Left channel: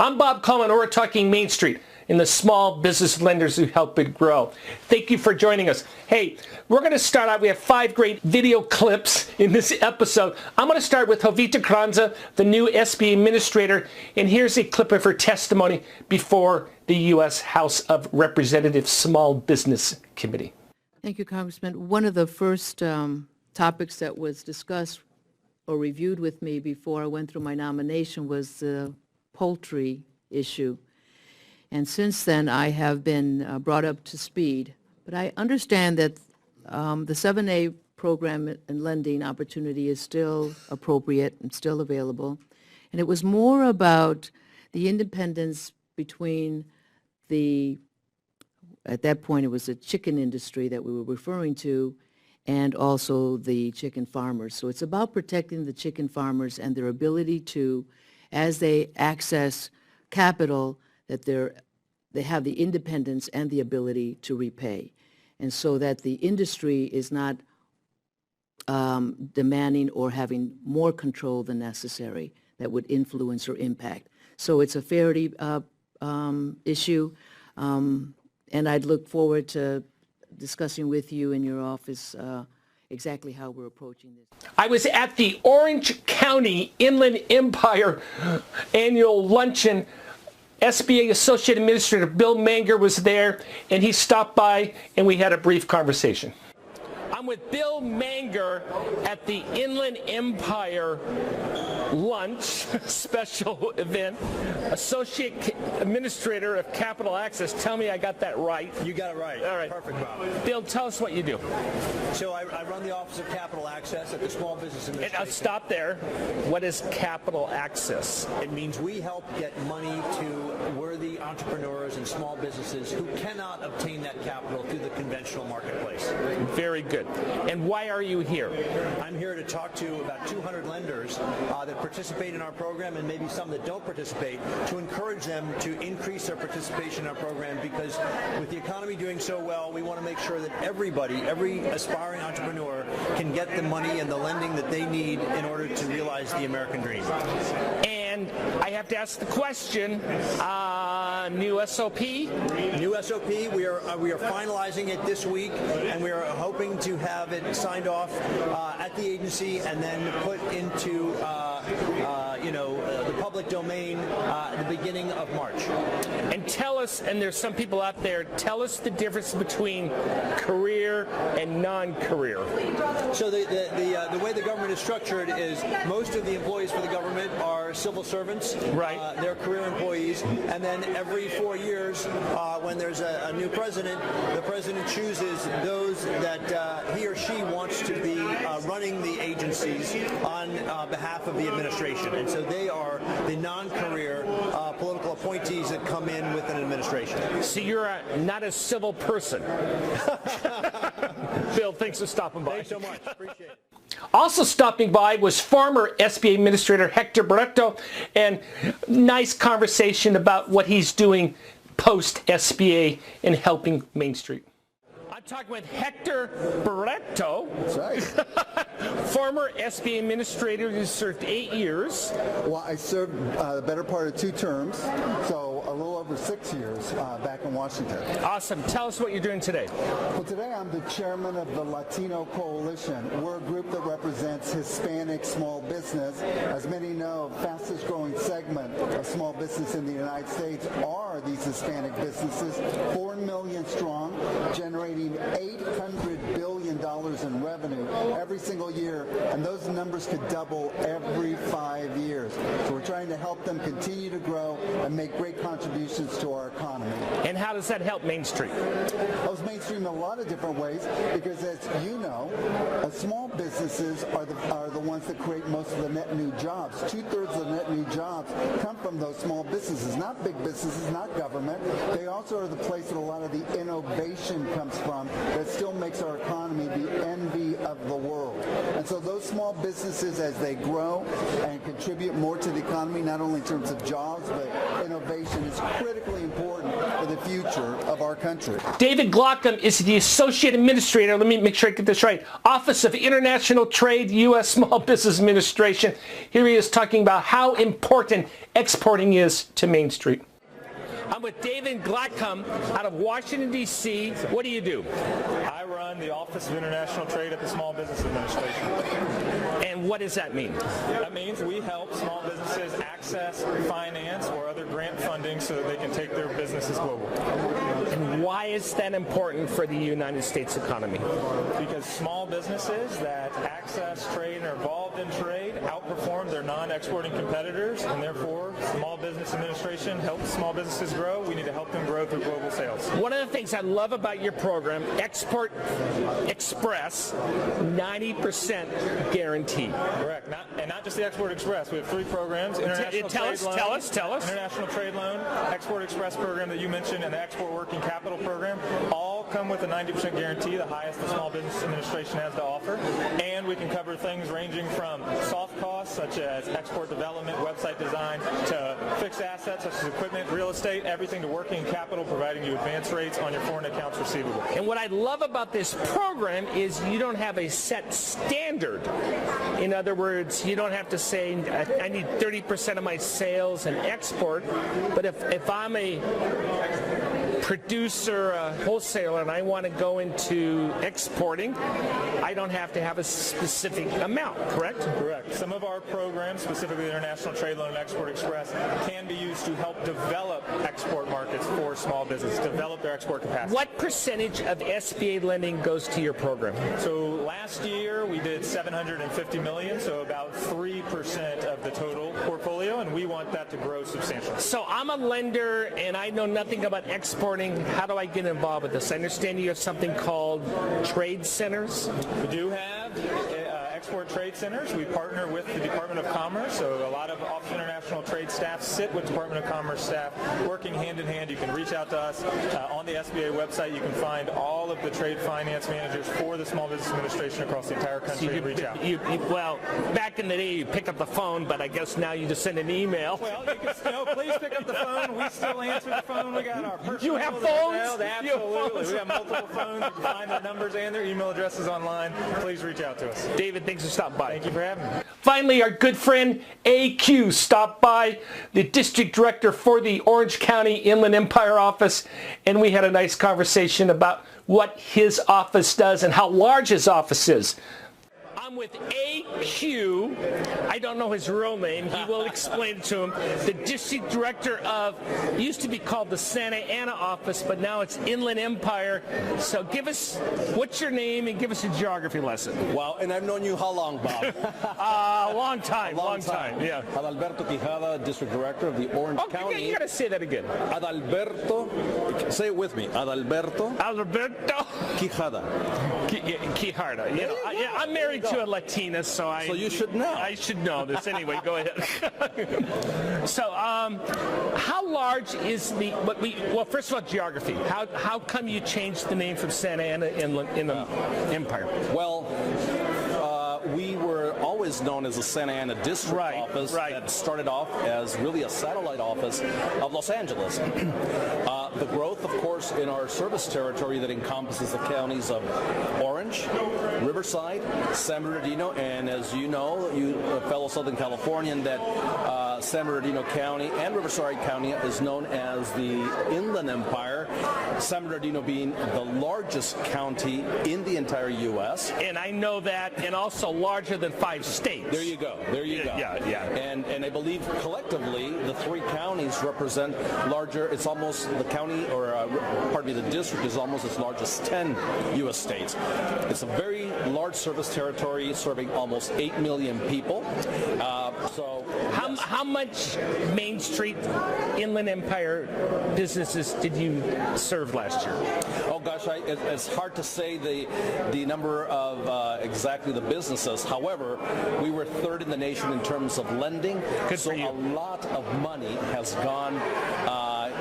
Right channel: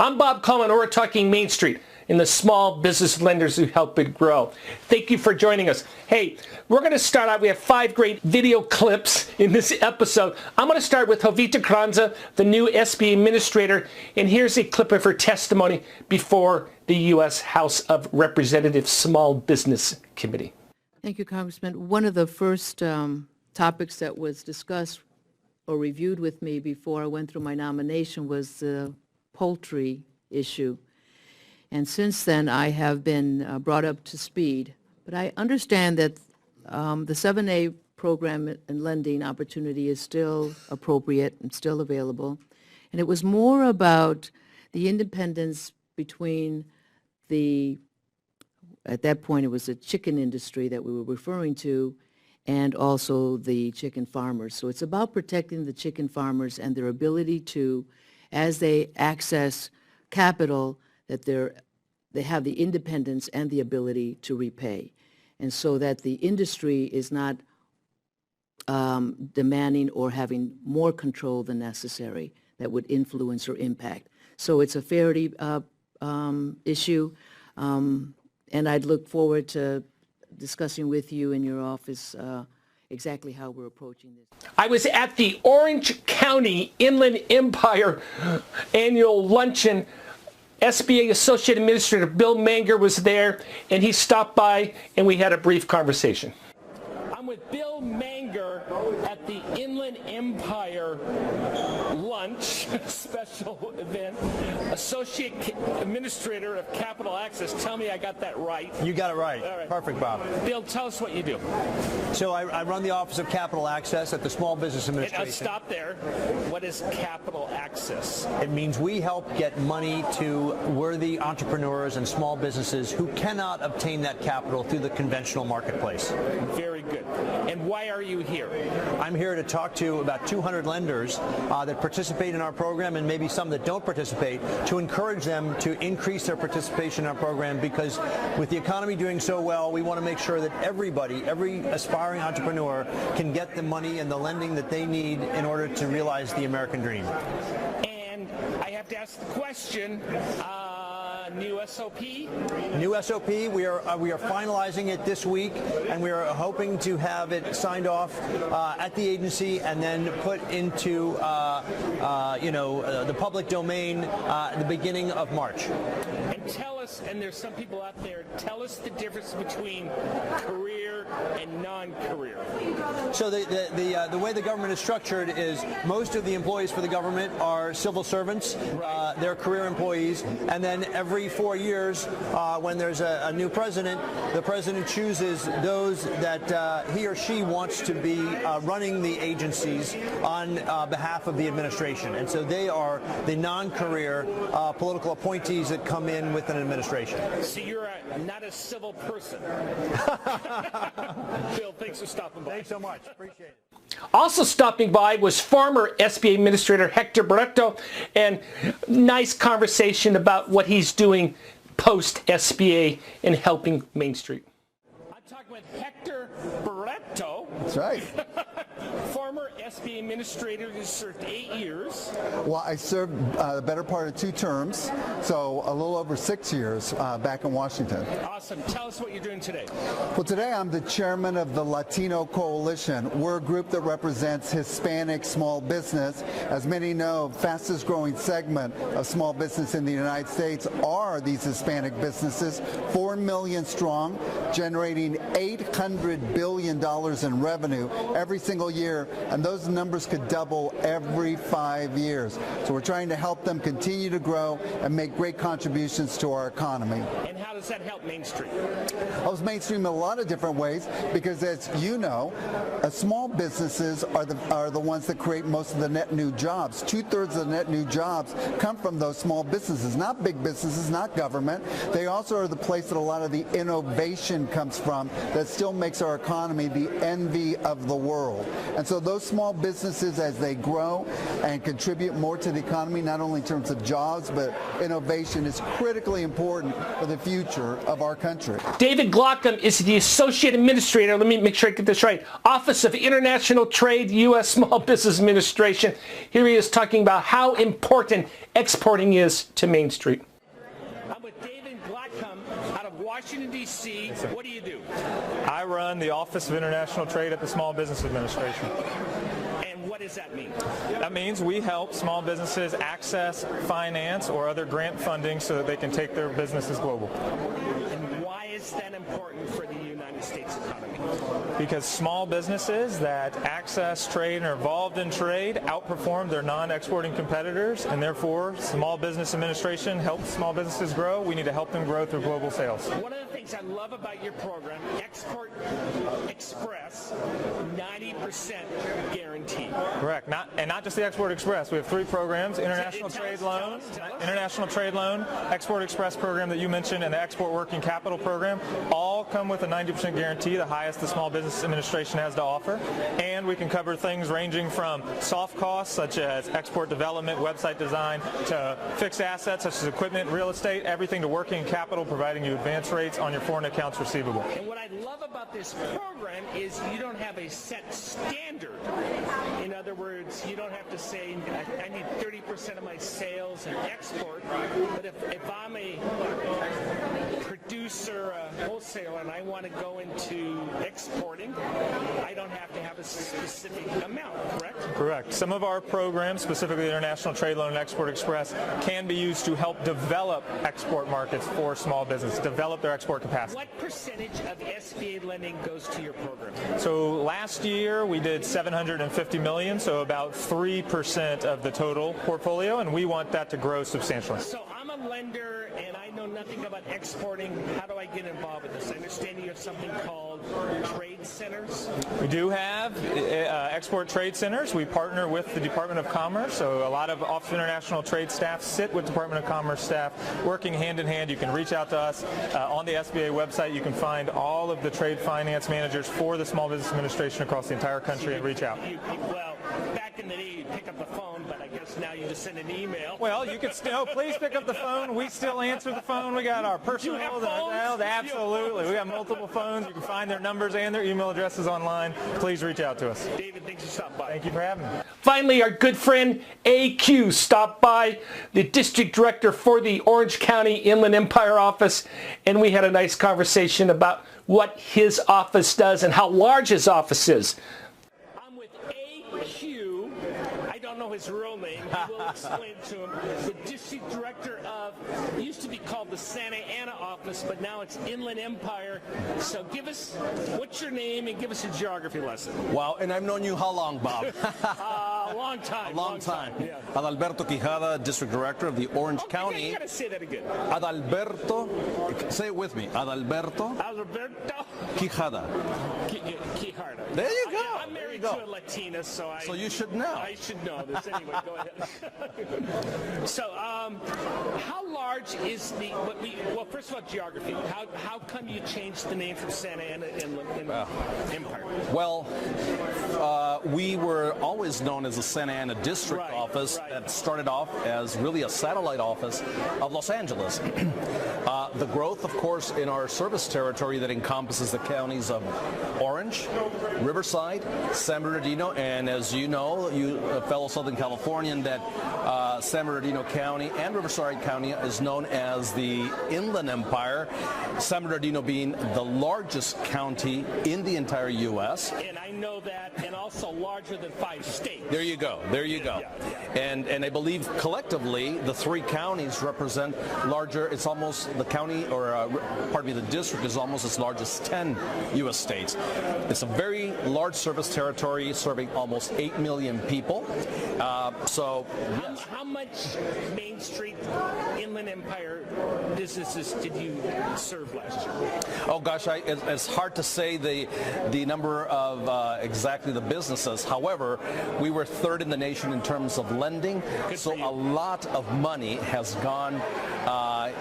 I'm Bob Coleman, and we're talking Main Street and the small business lenders who help it grow. Thank you for joining us. Hey, we're going to start out. We have 5 great video clips in this episode. I'm going to start with Jovita Carranza, the new SBA administrator, and here's a clip of her testimony before the U.S. House of Representatives Small Business Committee. Thank you, Congressman. One of the first topics that was discussed or reviewed with me before I went through my nomination was the poultry issue. And since then, I have been brought up to speed. But I understand that the 7A program and lending opportunity is still appropriate and still available. And it was more about the independence between at that point, it was the chicken industry that we were referring to, and also the chicken farmers. So it's about protecting the chicken farmers and their ability to, as they access capital, that they have the independence and the ability to repay. And so that the industry is not demanding or having more control than necessary that would influence or impact. So it's a fairity issue, and I'd look forward to discussing with you in your office exactly how we're approaching this. I was at the Orange County Inland Empire annual luncheon. SBA Associate Administrator Bill Manger was there, and he stopped by, and we had a brief conversation. I'm with Bill Manger at the Inland Empire lunch special event, Associate Administrator of Capital Access. Tell me I got that right. You got it right. All right. Perfect, Bob. Bill, tell us what you do. So I run the Office of Capital Access at the Small Business Administration. Stop there. What is Capital Access? It means we help get money to worthy entrepreneurs and small businesses who cannot obtain that capital through the conventional marketplace. Very good. And why are you here? I'm here to talk to about 200 lenders that participate in our program, and maybe some that don't participate, to encourage them to increase their participation in our program, because with the economy doing so well, we want to make sure that everybody, every aspiring entrepreneur, can get the money and the lending that they need in order to realize the American dream. And I have to ask the question, new SOP? New SOP, we are finalizing it this week, and we are hoping to have it signed off at the agency and then put into the public domain at the beginning of March. And tell us, and there's some people out there, tell us the difference between career and non-career. So the way the government is structured is most of the employees for the government are civil servants. Right. They're career employees, and then every 4 years, when there's a new president, the president chooses those that he or she wants to be running the agencies on behalf of the administration. And so they are the non-career political appointees that come in with an administration. So you're not a civil person. Bill, thanks for stopping by. Thanks so much. Appreciate it. Also stopping by was former SBA Administrator Hector Barreto, and nice conversation about what he's doing post-SBA in helping Main Street. I'm talking with Hector Barreto. That's right. Former SBA Administrator who served 8 years. Well, I served the better part of 2 terms, so a little over 6 years back in Washington. Awesome. Tell us what you're doing today. Well, today I'm the chairman of the Latino Coalition. We're a group that represents Hispanic small business. As many know, fastest growing segment of small business in the United States are these Hispanic businesses, 4 million strong, generating $800 billion in revenue every single year, and those numbers could double every 5 years. So we're trying to help them continue to grow and make great contributions to our economy. And how does that help Main Street? Helps Main Street in a lot of different ways, because as you know, small businesses are the ones that create most of the net new jobs. 2/3 of the net new jobs come from those small businesses, not big businesses, not government. They also are the place that a lot of the innovation comes from that still makes our economy the envy of the world. And so those small businesses, as they grow and contribute more to the economy, not only in terms of jobs, but innovation, is critically important for the future of our country. David Glockham is the Associate Administrator, let me make sure I get this right, Office of International Trade, U.S. Small Business Administration. Here he is talking about how important exporting is to Main Street. I'm with David Glockham out of Washington, D.C. What do you do? I run the Office of International Trade at the Small Business Administration. And what does that mean? That means we help small businesses access finance or other grant funding so that they can take their businesses global. And why is that important for the United States economy? Because small businesses that access trade and are involved in trade outperform their non-exporting competitors, and therefore Small Business Administration helps small businesses grow. We need to help them grow through global sales. One of the things I love about your program, Export Express, 90% guarantee. Correct. Not just the Export Express. We have 3 programs: International Trade Loan, tell us. International Trade Loan, Export Express program that you mentioned, and the Export Working Capital program. All come with a 90% guarantee, the highest the Small Business Administration has to offer. And we can cover things ranging from soft costs such as export development, website design, to fixed assets such as equipment, real estate, everything to working capital, providing you advance rates on your foreign accounts receivable. And what I love about this program is you don't have a set standard. In other words, you don't have to say, I need 30% of my sales in export, but if I'm a producer, a wholesaler, and I want to go into exporting, I don't have to have a specific amount, correct? Correct. Some of our programs, specifically the International Trade Loan and Export Express, can be used to help develop export markets for small business, develop their export capacity. What percentage of SBA lending goes to your program? So last year we did $750 million, so about 3% of the total portfolio, and we want that to grow substantially. So I'm a lender and I know nothing about exporting. How do I get involved with this? I understand you have something called trade centers. We do have export trade centers. We partner with the Department of Commerce, so a lot of Office of International Trade staff sit with Department of Commerce staff, working hand in hand. You can reach out to us on the SBA website. You can find all of the trade finance managers for the Small Business Administration across the entire country and reach out. Well, back in the day, you pick up the phone, but I guess now you just send an email. Well, you can still, please pick up the phone. We still answer the phone. We got our personal. You have phones? Absolutely. We have multiple phones. You can find their numbers and their email addresses online. Please reach out to us. David, thanks for stopping by. Thank you for having me. Finally, our good friend AQ stopped by, the district director for the Orange County Inland Empire office, and we had a nice conversation about what his office does and how large his office is. I'm with AQ. I don't know his real name. He will explain it to him. The district director of, used to be called the Santa Ana office, but now it's Inland Empire. So give us, what's your name, and give us a geography lesson. Wow, and I've known you how long, Bob? Long time. Yeah. Adalberto Quijada, district director of the Orange County. You gotta say that again. Adalberto, say it with me. Adalberto Quijada. Quijada. Yeah, I'm married to a Latina, so you should know. I should know this. Anyway, go ahead. So, how large is the? Well, first of all, geography. How come you changed the name from Santa Ana in Empire? Well, we were always known as the Santa Ana District Office that started off as really a satellite office of Los Angeles. The growth, of course, in our service territory that encompasses the counties of Orange, Riverside, San Bernardino, and as you know, you fellow Southern Californian, that San Bernardino County and Riverside County is known as the Inland Empire, San Bernardino being the largest county in the entire U.S. And I know that, and also larger than 5 states. There you go. Yeah. And I believe collectively the 3 counties represent larger. It's almost the county, or the district is almost as large as 10 U.S. states. It's a very large service territory serving almost 8 million people. How much Main Street Inland Empire businesses did you serve last year? Oh gosh, it's hard to say the number of exactly the businesses. However, we were 3rd in the nation in terms of lending. So a lot of money has gone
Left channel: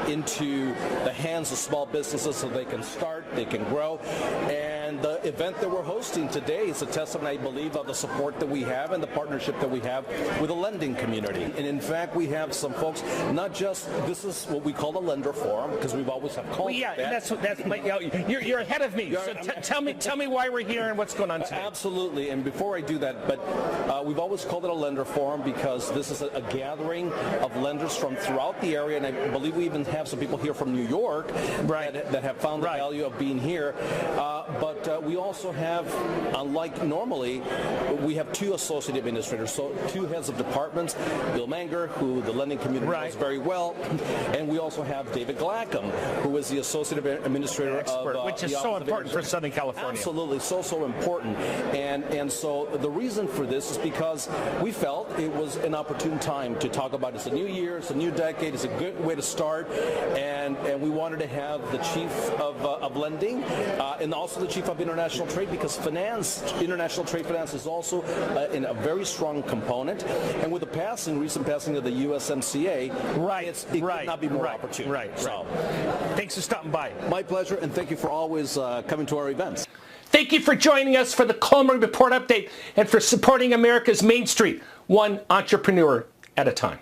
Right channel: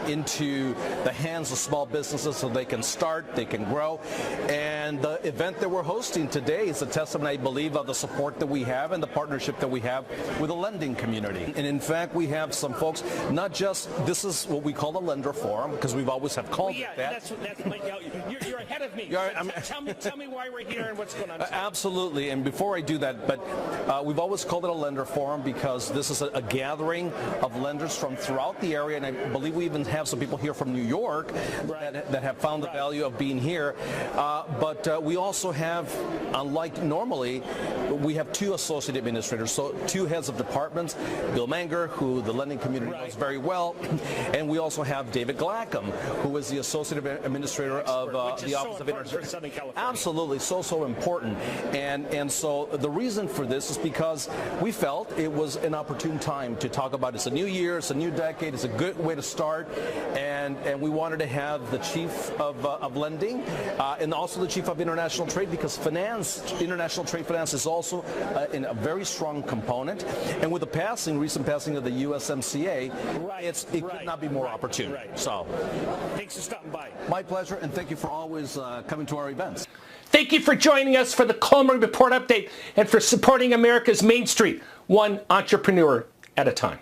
into the hands of small businesses so they can start, they can grow. And the event that we're hosting today is a testament, I believe, of the support that we have and the partnership that we have with the lending community. And in fact, we have some folks, not just, this is what we call a lender forum, because we've always had called Yeah, that. you're ahead of me. So tell me why we're here and what's going on today. Absolutely, and before I do that, but we've always called it a lender forum because this is a gathering of lenders from throughout the area, and I believe we even have some people here from New York that have found the value of being here. But we also have, unlike normally, we have two associate administrators, so two heads of departments, Bill Manger, who the lending community knows very well, and we also have David Glackham, who is the associate administrator of which is so important for Southern California. Absolutely, so important. And so the reason for this is because we felt it was an opportune time to talk about it's a new year, it's a new decade, it's a good way to start, and we wanted to have the chief of lending and also the chief of international trade, because international trade finance is also in a very strong component. And with the recent passing of the USMCA, it could not be more opportune. So, thanks for stopping by. My pleasure, and thank you for always coming to our events. Thank you for joining us for the Coleman Report Update and for supporting America's Main Street, one entrepreneur at a time.